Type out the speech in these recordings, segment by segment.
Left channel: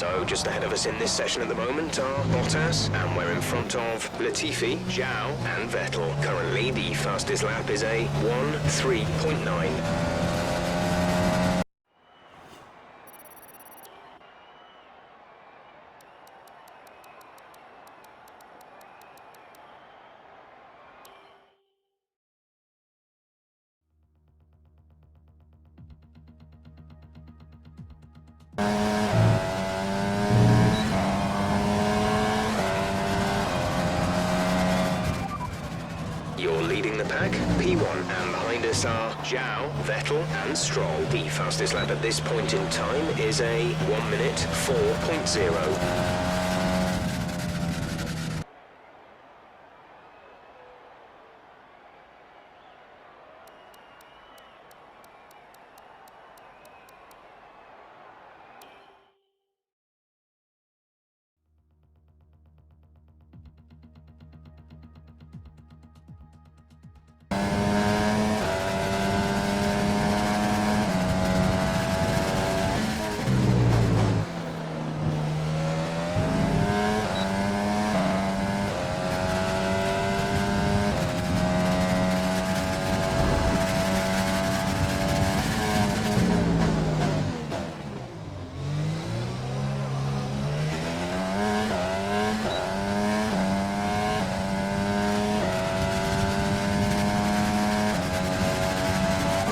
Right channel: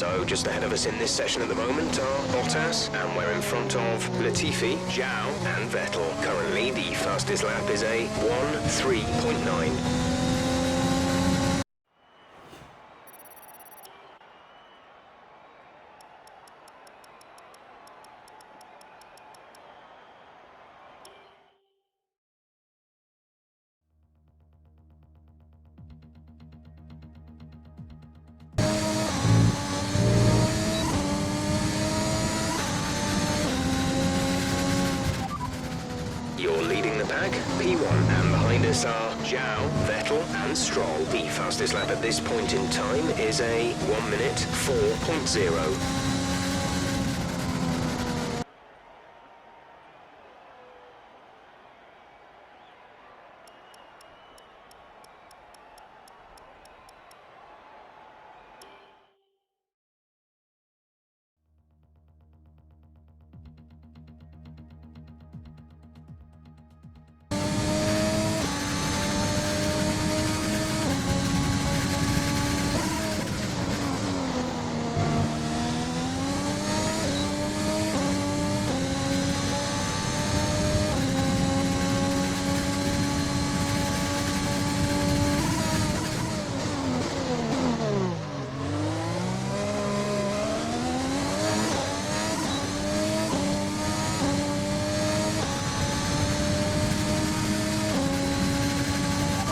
So just ahead of us in this session at the moment are Bottas, and we're in front of Latifi, Zhou and Vettel. Currently the fastest lap is a 1:03.9. You're leading the pack, P1, and behind us are Zhou, Vettel and Stroll. The fastest lap at this point in time is a 1:04.0.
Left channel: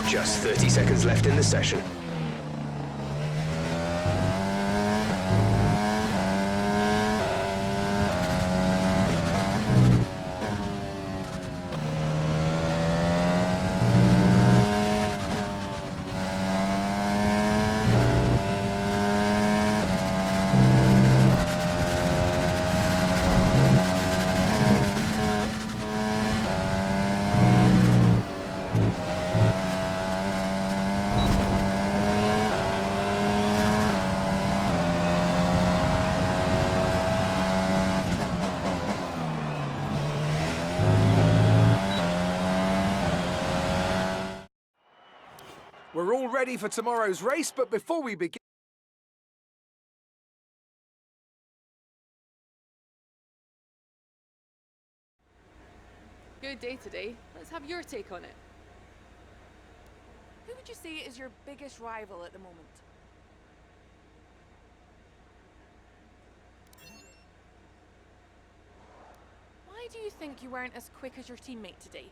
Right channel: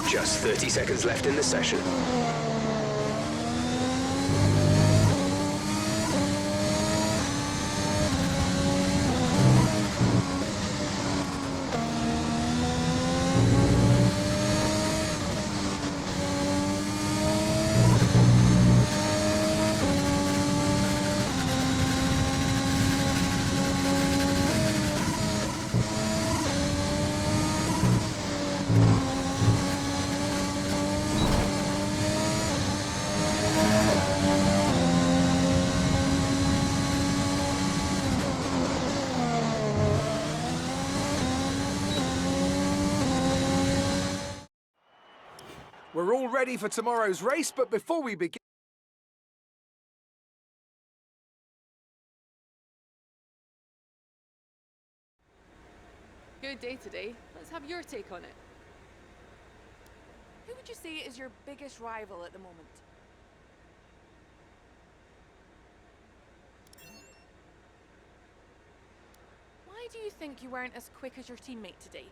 Just 30 seconds left in the session. We're all ready for tomorrow's race, but before we begin... Good day today. Let's have your take on it. Who would you say is your biggest rival at the moment? Why do you think you weren't as quick as your teammate today?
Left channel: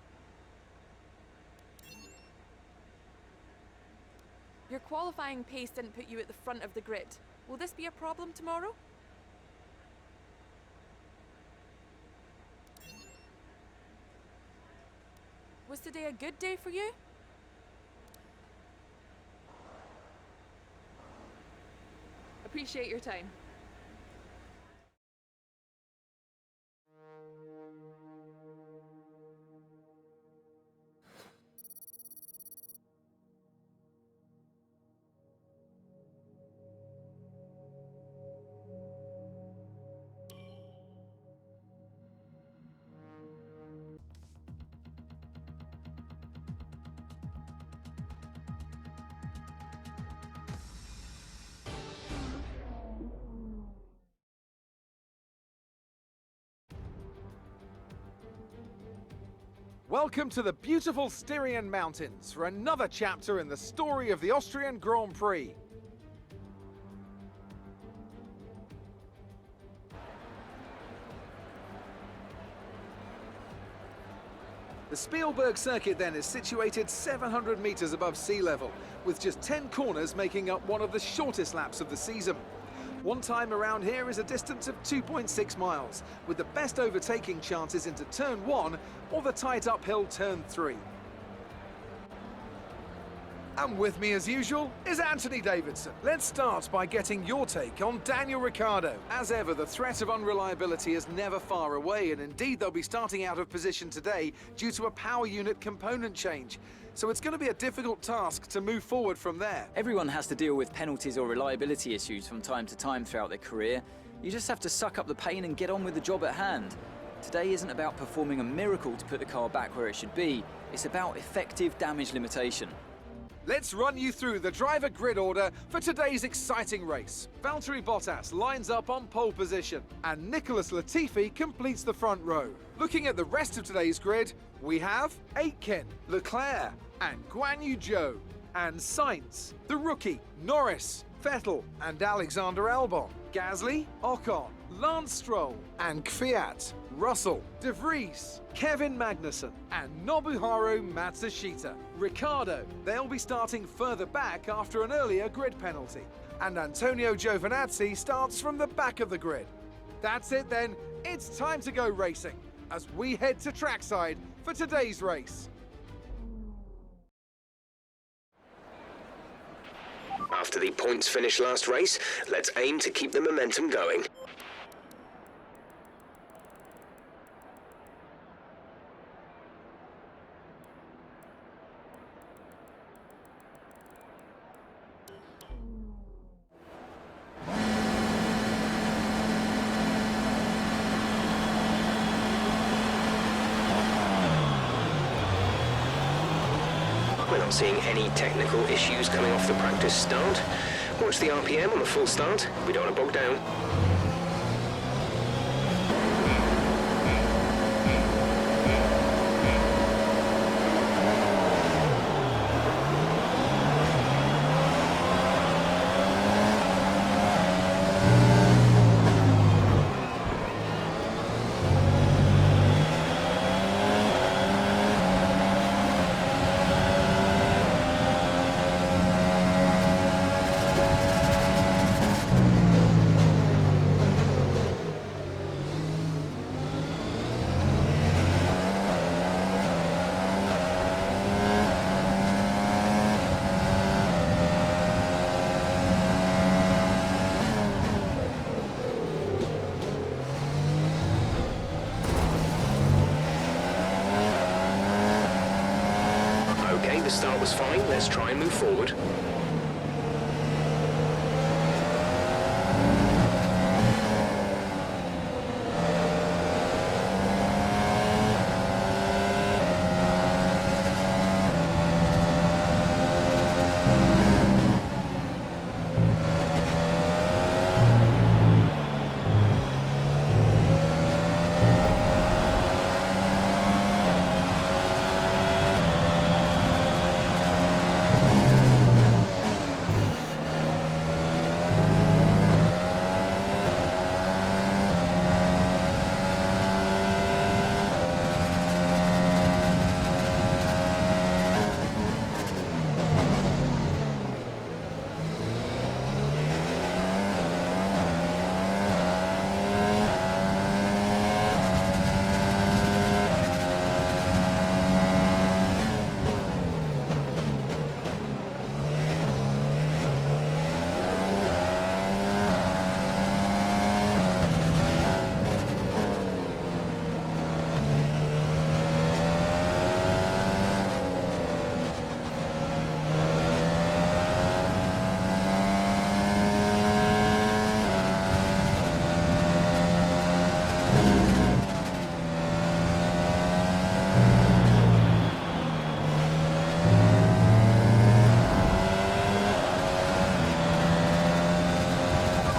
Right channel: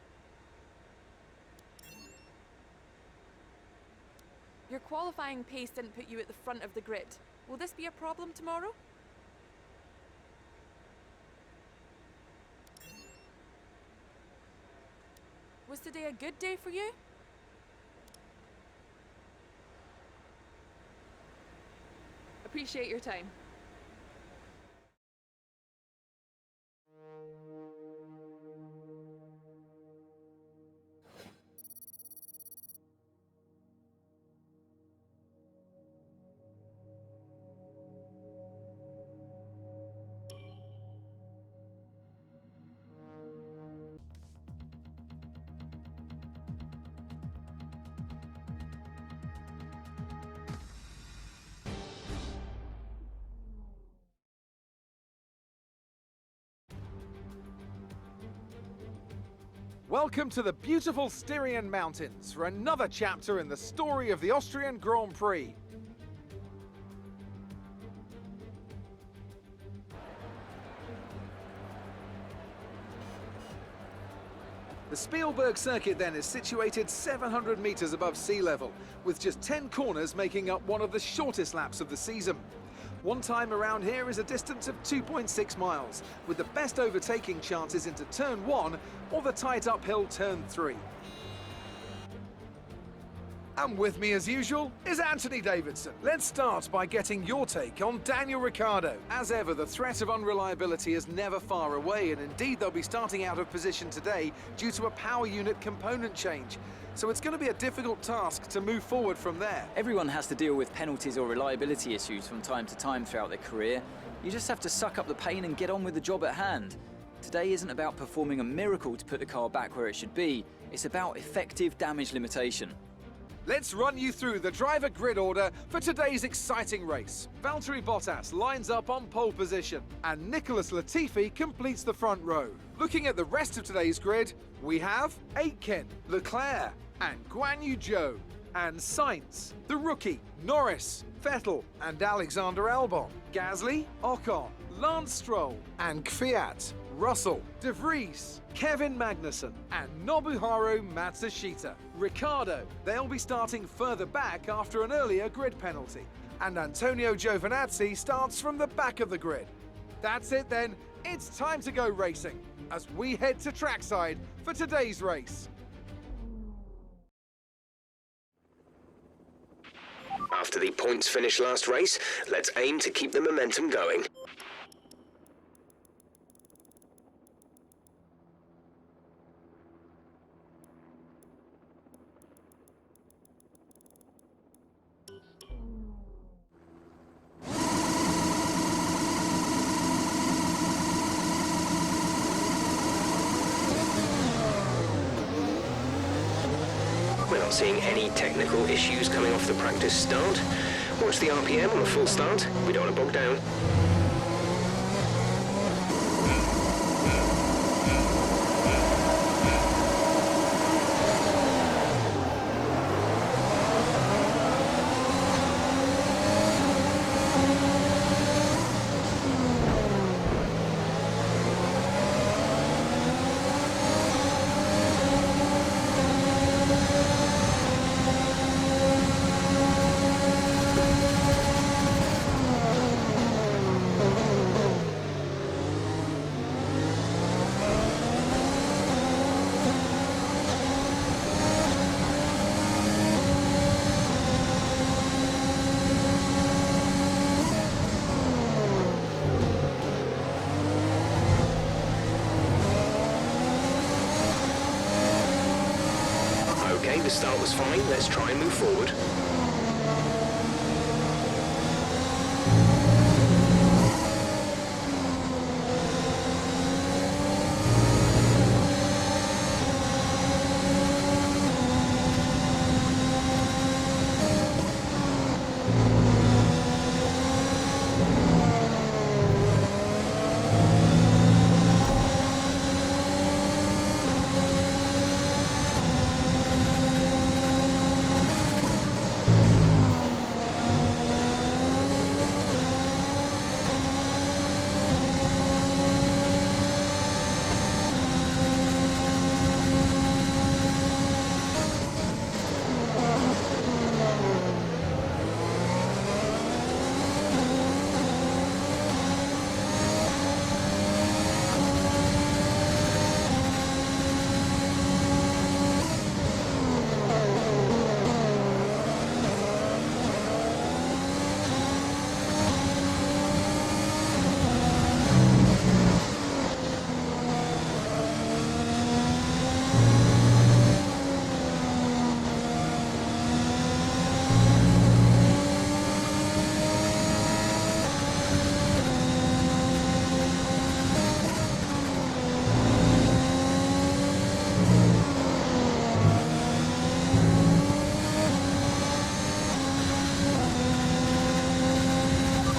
Your qualifying pace didn't put you at the front of the grid. Will this be a problem tomorrow? Was today a good day for you? Appreciate your time. Welcome to the beautiful Styrian Mountains for another chapter in the story of the Austrian Grand Prix. The Spielberg circuit then is situated 700 metres above sea level, with just 10 corners making up one of the shortest laps of the season. One time around here is a distance of 2.6 miles, with the best overtaking chances into turn 1 or the tight uphill turn 3. And with me as usual is Anthony Davidson. Let's start by getting your take on Daniel Ricciardo. As ever, the threat of unreliability is never far away, and indeed they'll be starting out of position today due to a power unit component change. So it's going to be a difficult task to move forward from there. Everyone has to deal with penalties or reliability issues from time to time throughout their career. You just have to suck up the pain and get on with the job at hand. Today isn't about performing a miracle to put the car back where it should be. It's about effective damage limitation. Let's run you through the driver grid order for today's exciting race. Valtteri Bottas lines up on pole position, and Nicholas Latifi completes the front row. Looking at the rest of today's grid, we have Aitken, Leclerc, and Guan Yu Zhou, and Sainz, the rookie, Norris, Vettel, and Alexander Albon, Gasly, Ocon, Lance Stroll, and Kvyat, Russell, De Vries, Kevin Magnussen, and Nobuharu Matsushita. Ricciardo, they'll be starting further back after an earlier grid penalty. And Antonio Giovinazzi starts from the back of the grid. That's it then, it's time to go racing, as we head to trackside for today's race. After the points finish last race, let's aim to keep the momentum going. We're not seeing any technical issues coming off the practice start. Watch the RPM on the full start. We don't want to bog down. Okay, the start was fine. Let's try and move forward.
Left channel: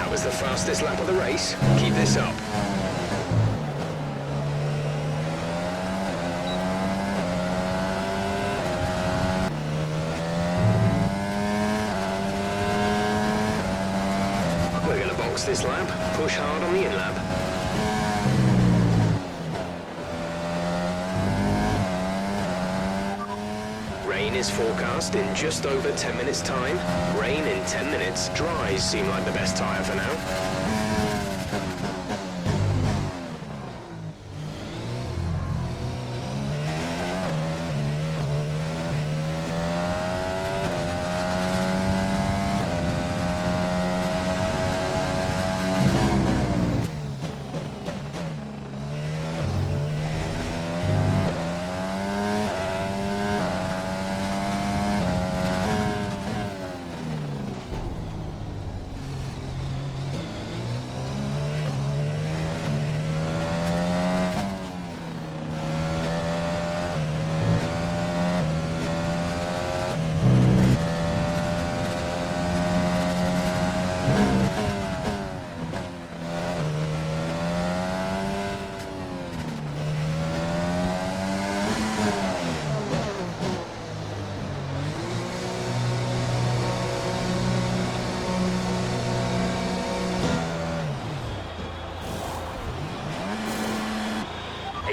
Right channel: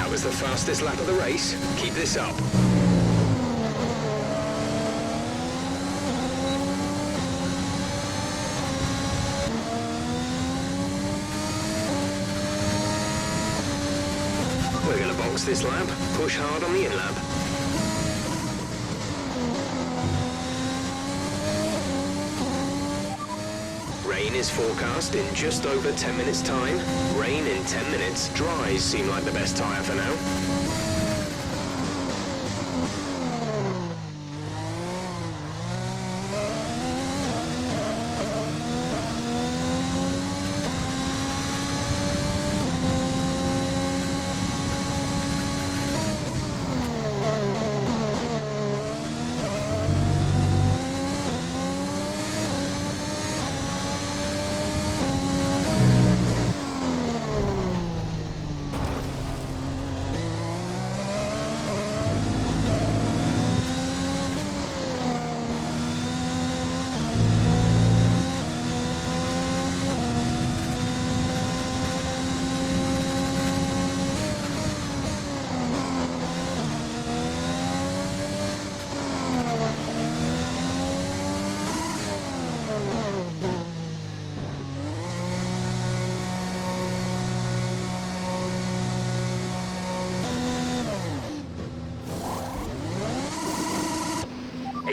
Was the fastest lap of the race. Keep this up. We're going to box this lap, push hard on the in-lap. Rain is forecast in just over 10 minutes' time. Rain in 10 minutes. Dries seem like the best tyre for now.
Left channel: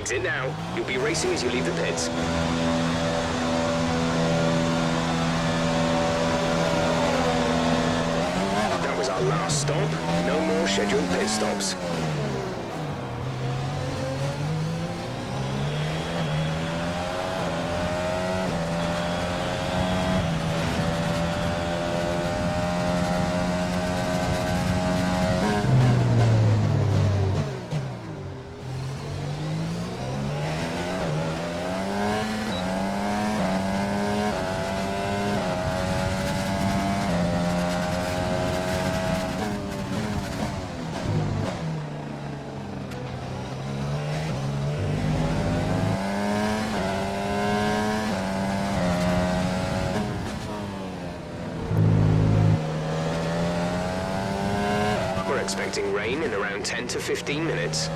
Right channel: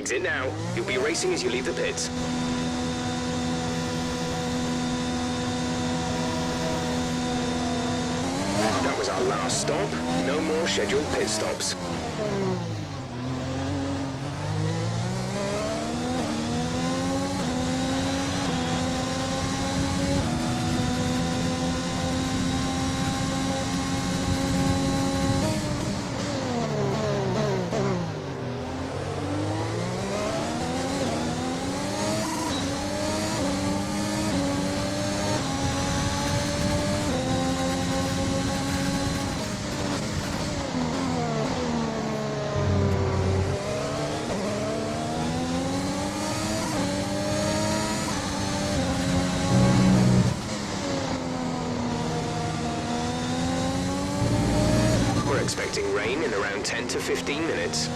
Exit now. You'll be racing as you leave the pits. That was our last stop. No more scheduled pit stops. We're expecting rain in around 10 to 15 minutes.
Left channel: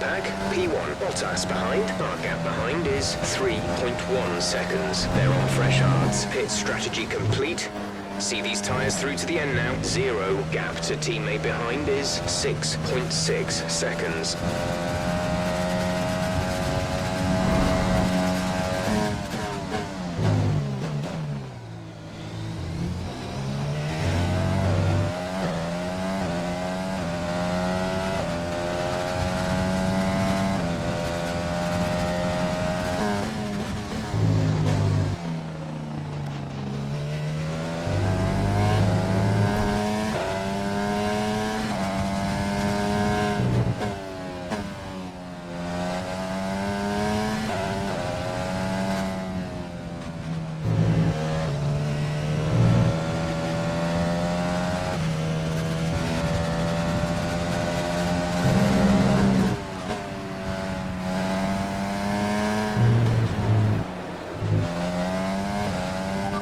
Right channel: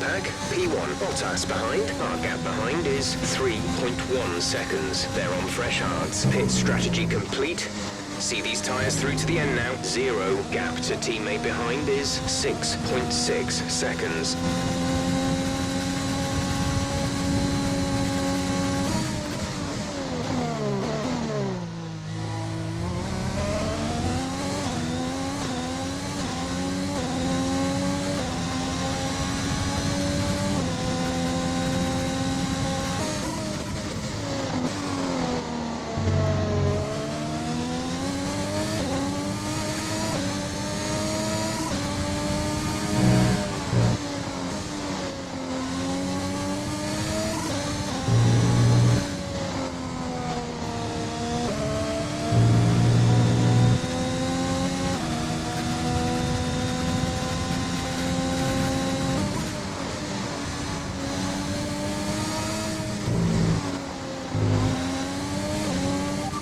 Pack, P1 Bottas behind. Our gap behind is 3.1 seconds. They're on fresh hards. Pit strategy complete. See these tyres through to the end now. 0 gap to teammate behind is 6.6 seconds.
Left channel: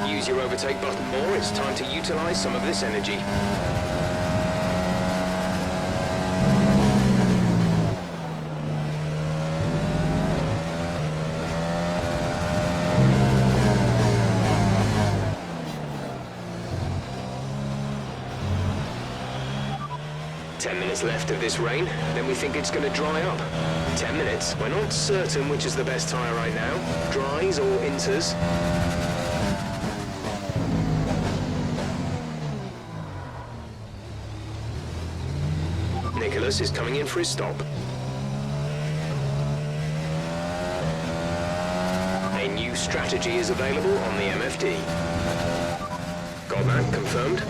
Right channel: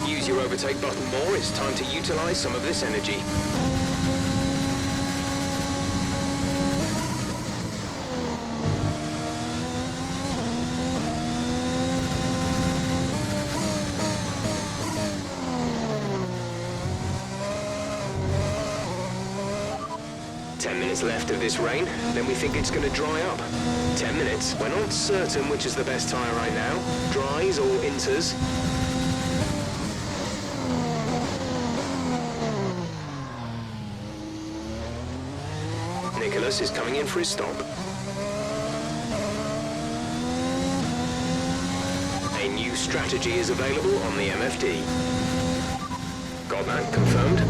Use your overtake button more, it's time to utilize some of this energy. Minutes left of this rain, then we think it's going to dry up. 10 minutes. We're not certain which is the best tyre right now, dries or inters. Nicholas is coming in for his stop. A new strategy is available on the MFD. Got that confirmed?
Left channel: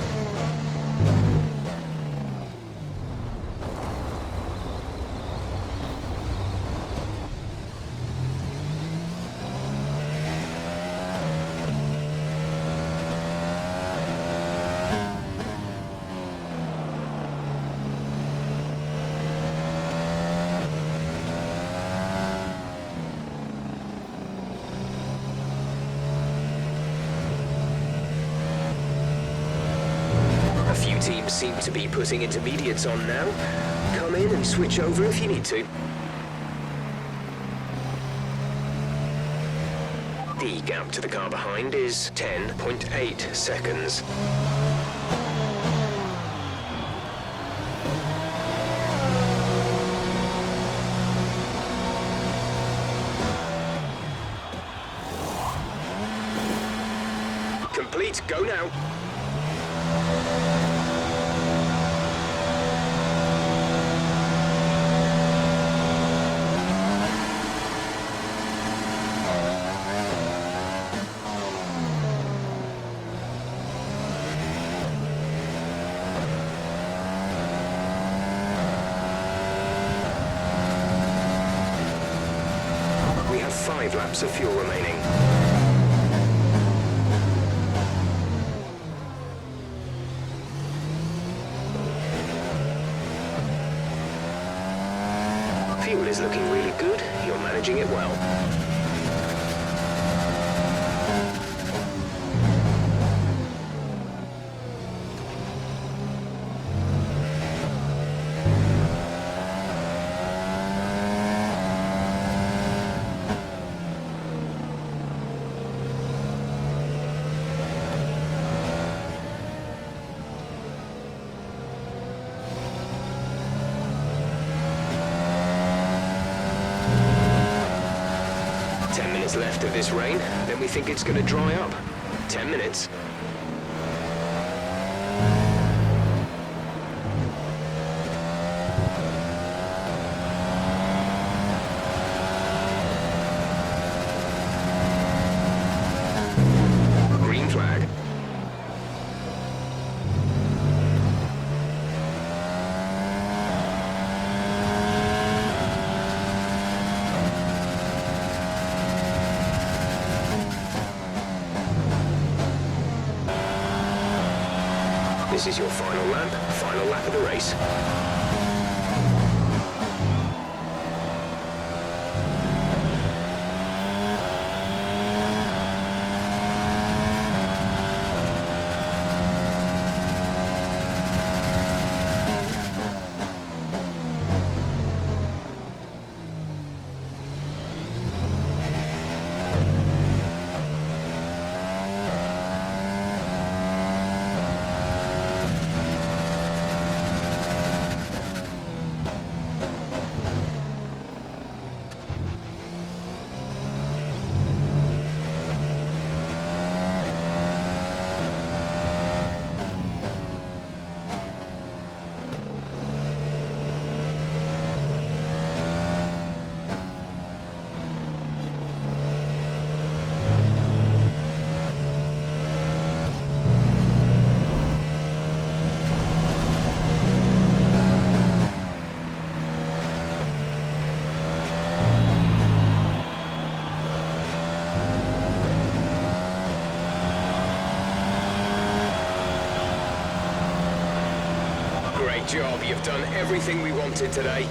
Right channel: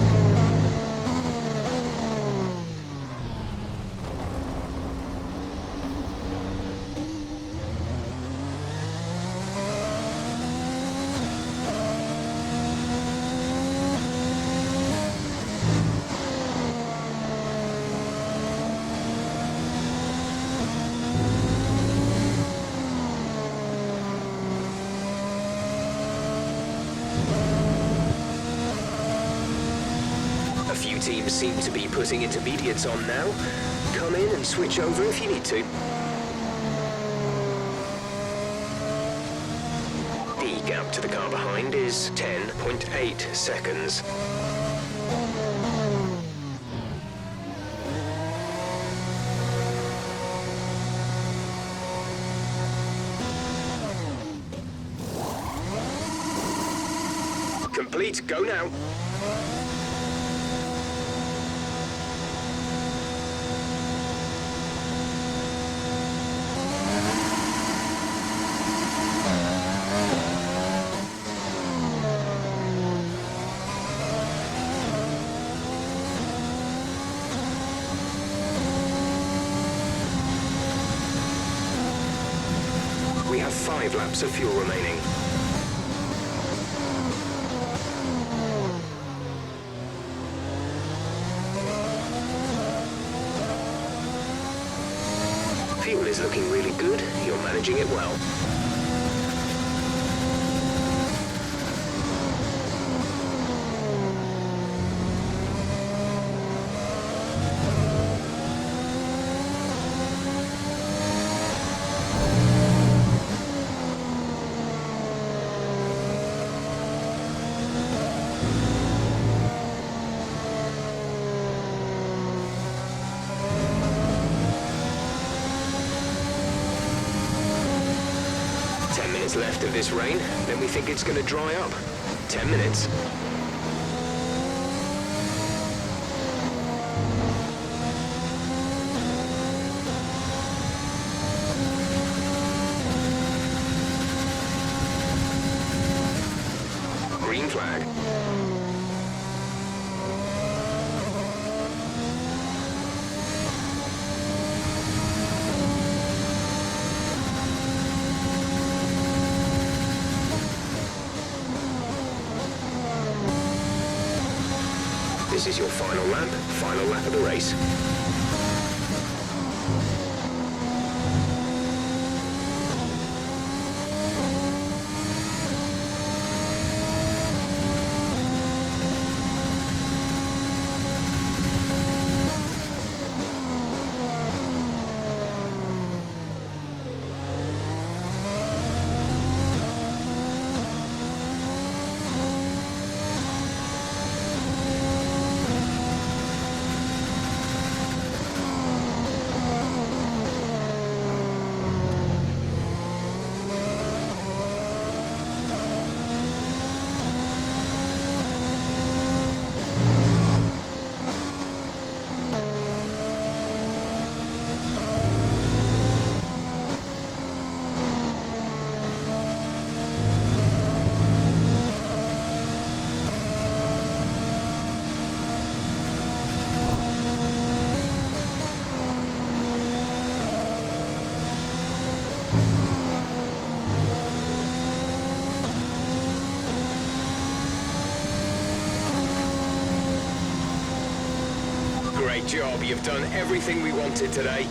A few teams seem to be putting intermediates on now. Come in and switch over if you need to. The gap to the car behind is 10.8 seconds. complete. Go now. We have 5 laps of fuel remaining. Fuel is looking really good. You're managing it well. Left of this rain, then we think it's going to dry up. 10 minutes. Green flag. This is your final lap of the race. Great job, you've done everything we wanted today.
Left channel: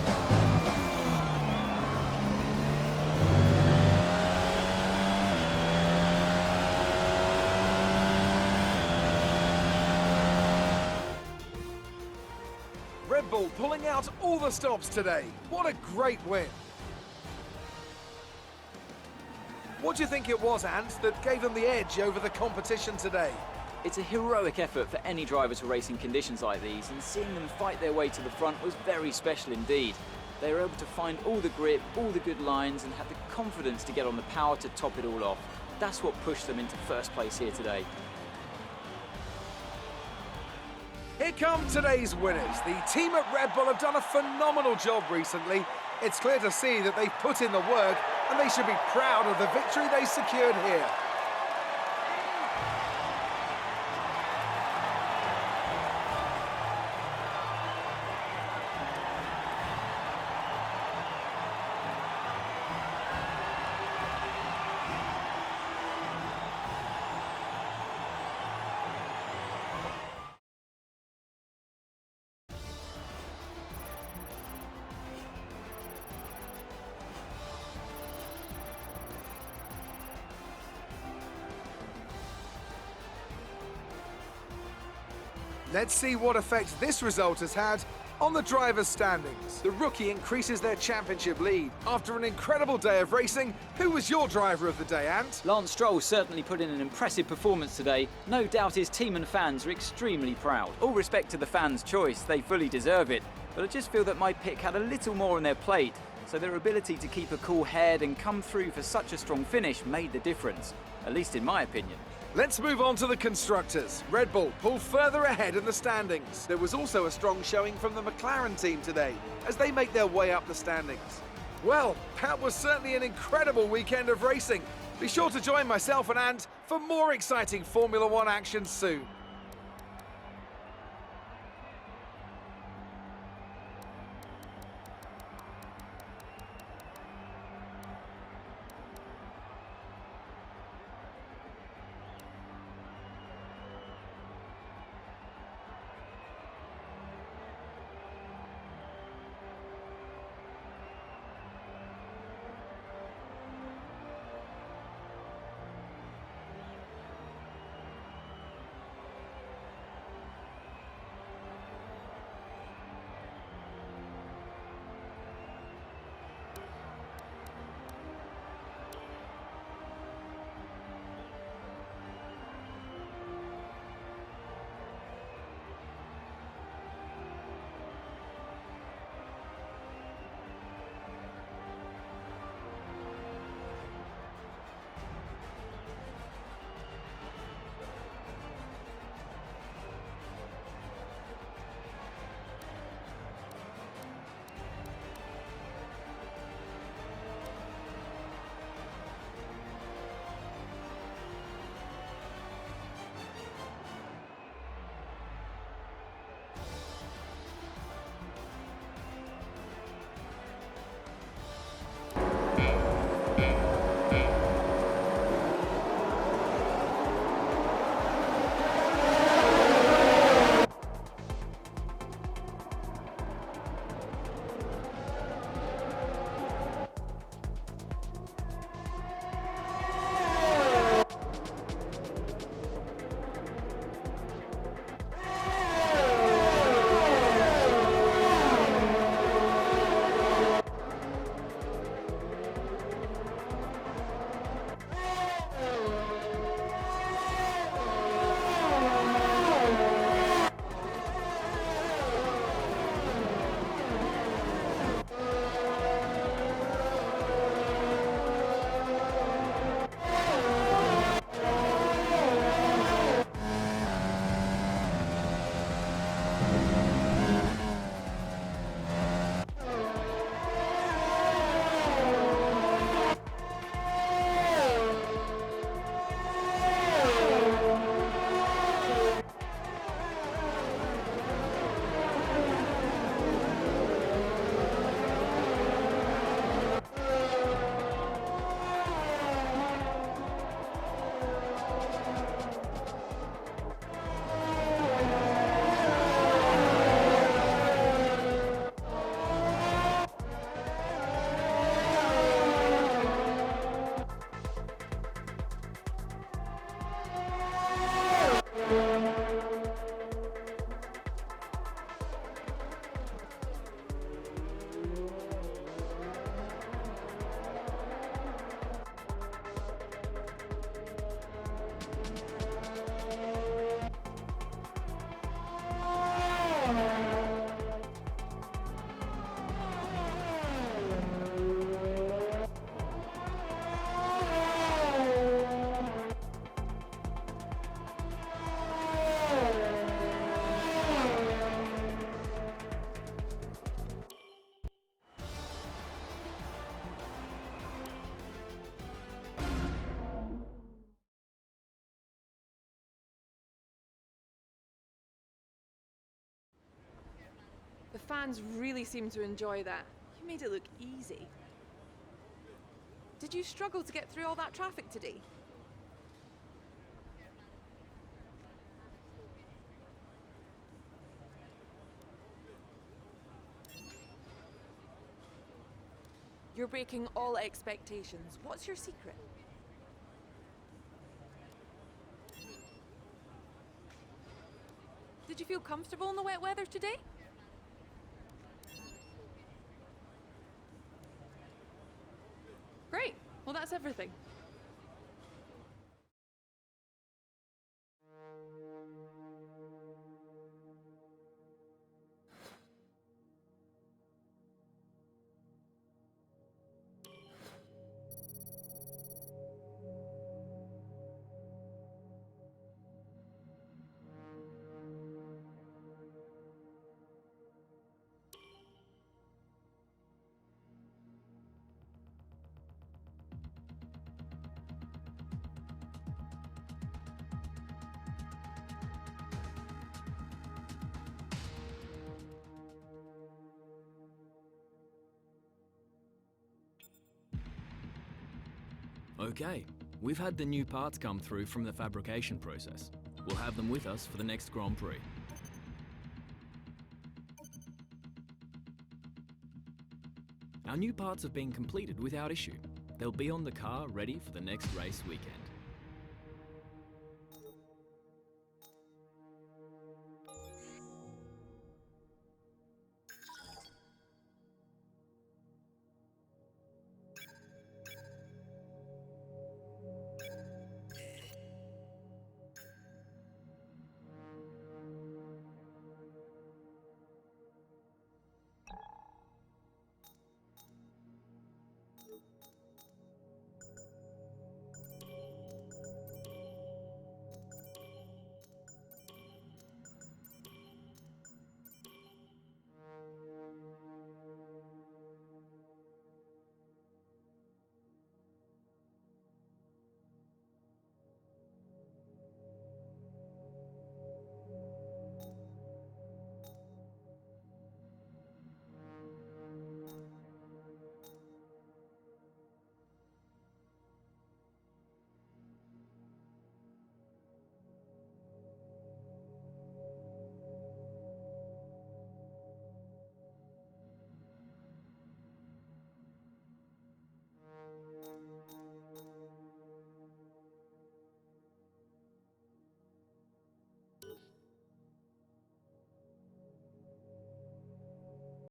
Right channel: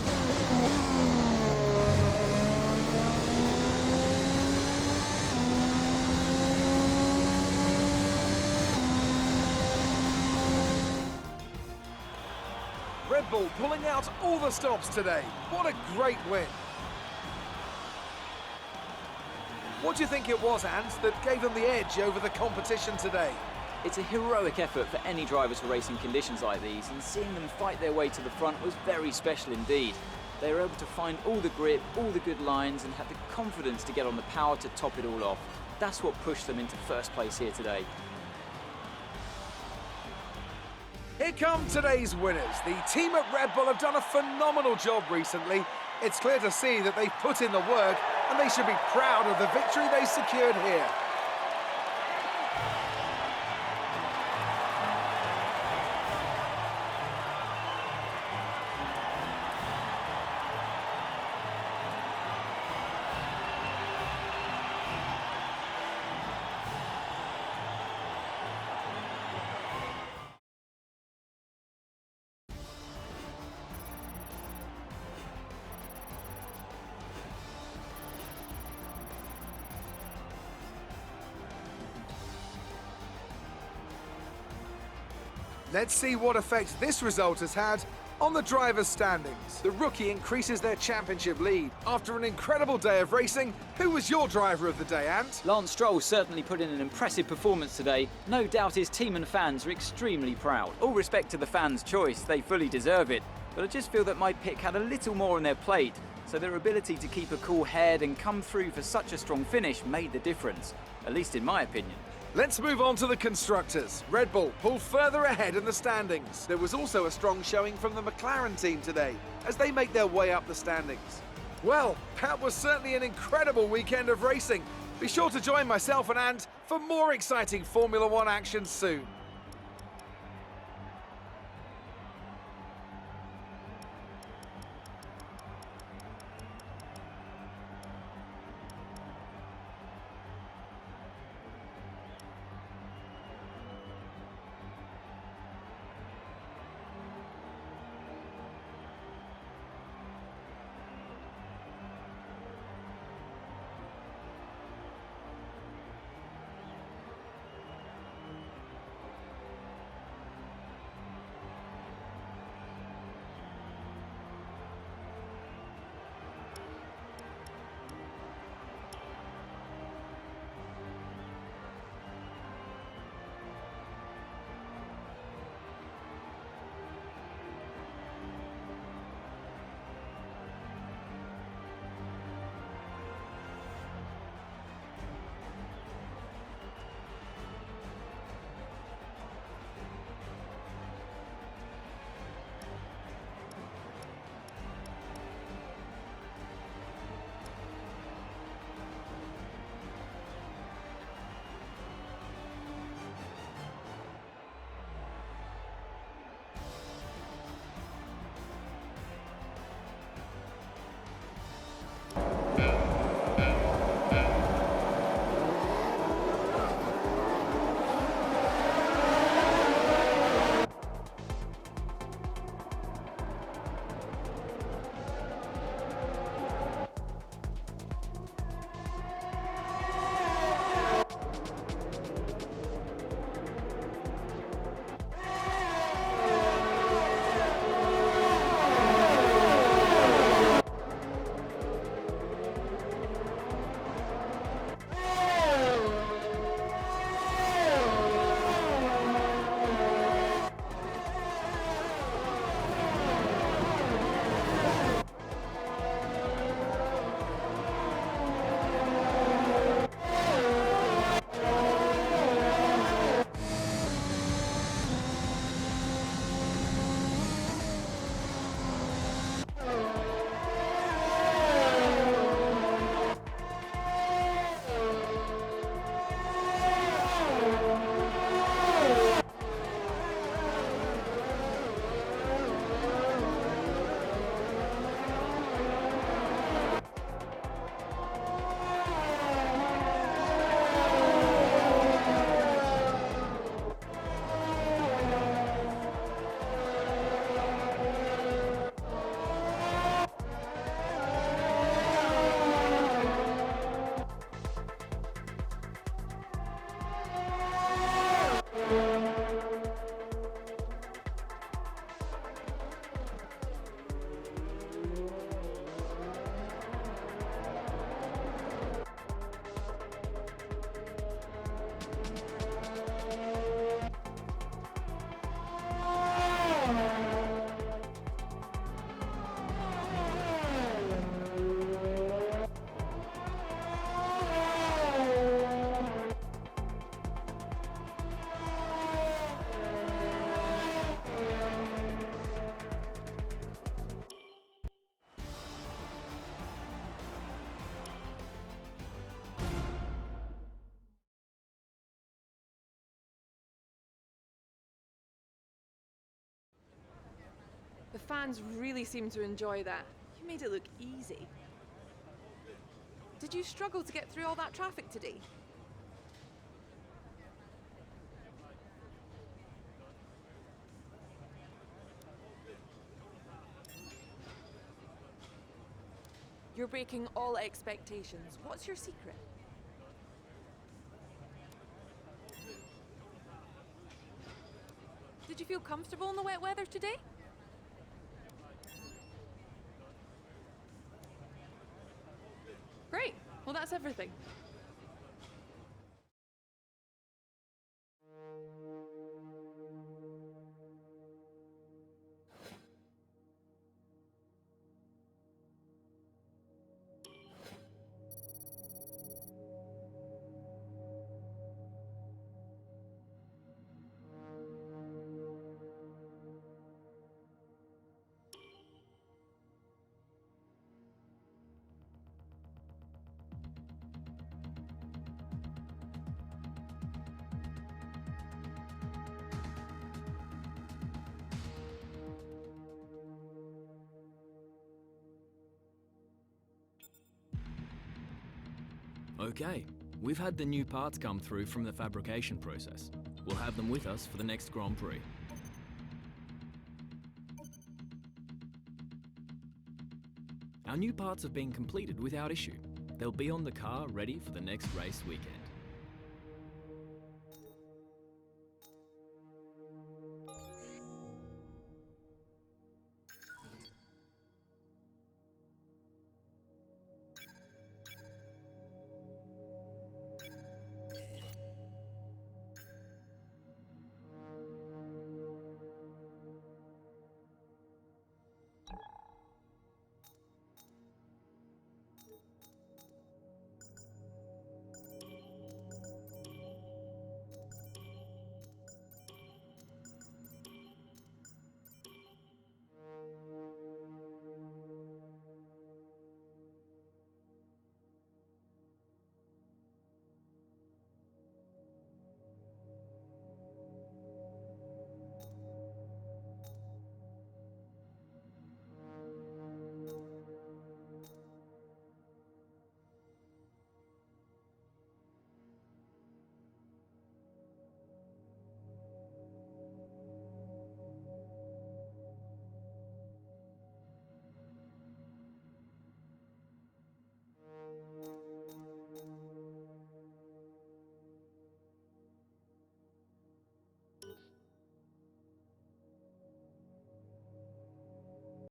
Red Bull pulling out all the stops today. What a great win. What do you think it was, Ant, that gave them the edge over the competition today? It's a heroic effort for any driver to race in conditions like these, and seeing them fight their way to the front was very special indeed. They were able to find all the grip, all the good lines, and had the confidence to get on the power to top it all off. That's what pushed them into first place here today. Here come today's winners. The team at Red Bull have done a phenomenal job recently. It's clear to see that they've put in the work, and they should be proud of the victory they secured here. Let's see what effect this result has had on the drivers' standings. The rookie increases their championship lead. After an incredible day of racing, who was your driver of the day, Ant? Lance Stroll certainly put in an impressive performance today. No doubt his team and fans are extremely proud. All respect to the fans' choice, they fully deserve it. But I just feel that my pick had a little more on their plate, so their ability to keep a cool head and come through for such a strong finish made the difference, at least in my opinion. Let's move on to the constructors. Red Bull pulled further ahead in the standings. There was also a strong showing from the McLaren team today as they make their way up the standings. Well, that was certainly an incredible weekend of racing. Be sure to join myself and Ant for more exciting Formula One action soon. The fans really seem to enjoy that. You made it look easy. Did you struggle to get through all that traffic today? You're breaking all expectations. What's your secret? Did you feel comfortable in the wet weather today? Great. Well, that's everything. Okay, we've had the new parts come through from the fabrication process. We'll have them with us for the next Grand Prix. Our new parts have been completed without issue. They'll be on the car ready for the next race weekend.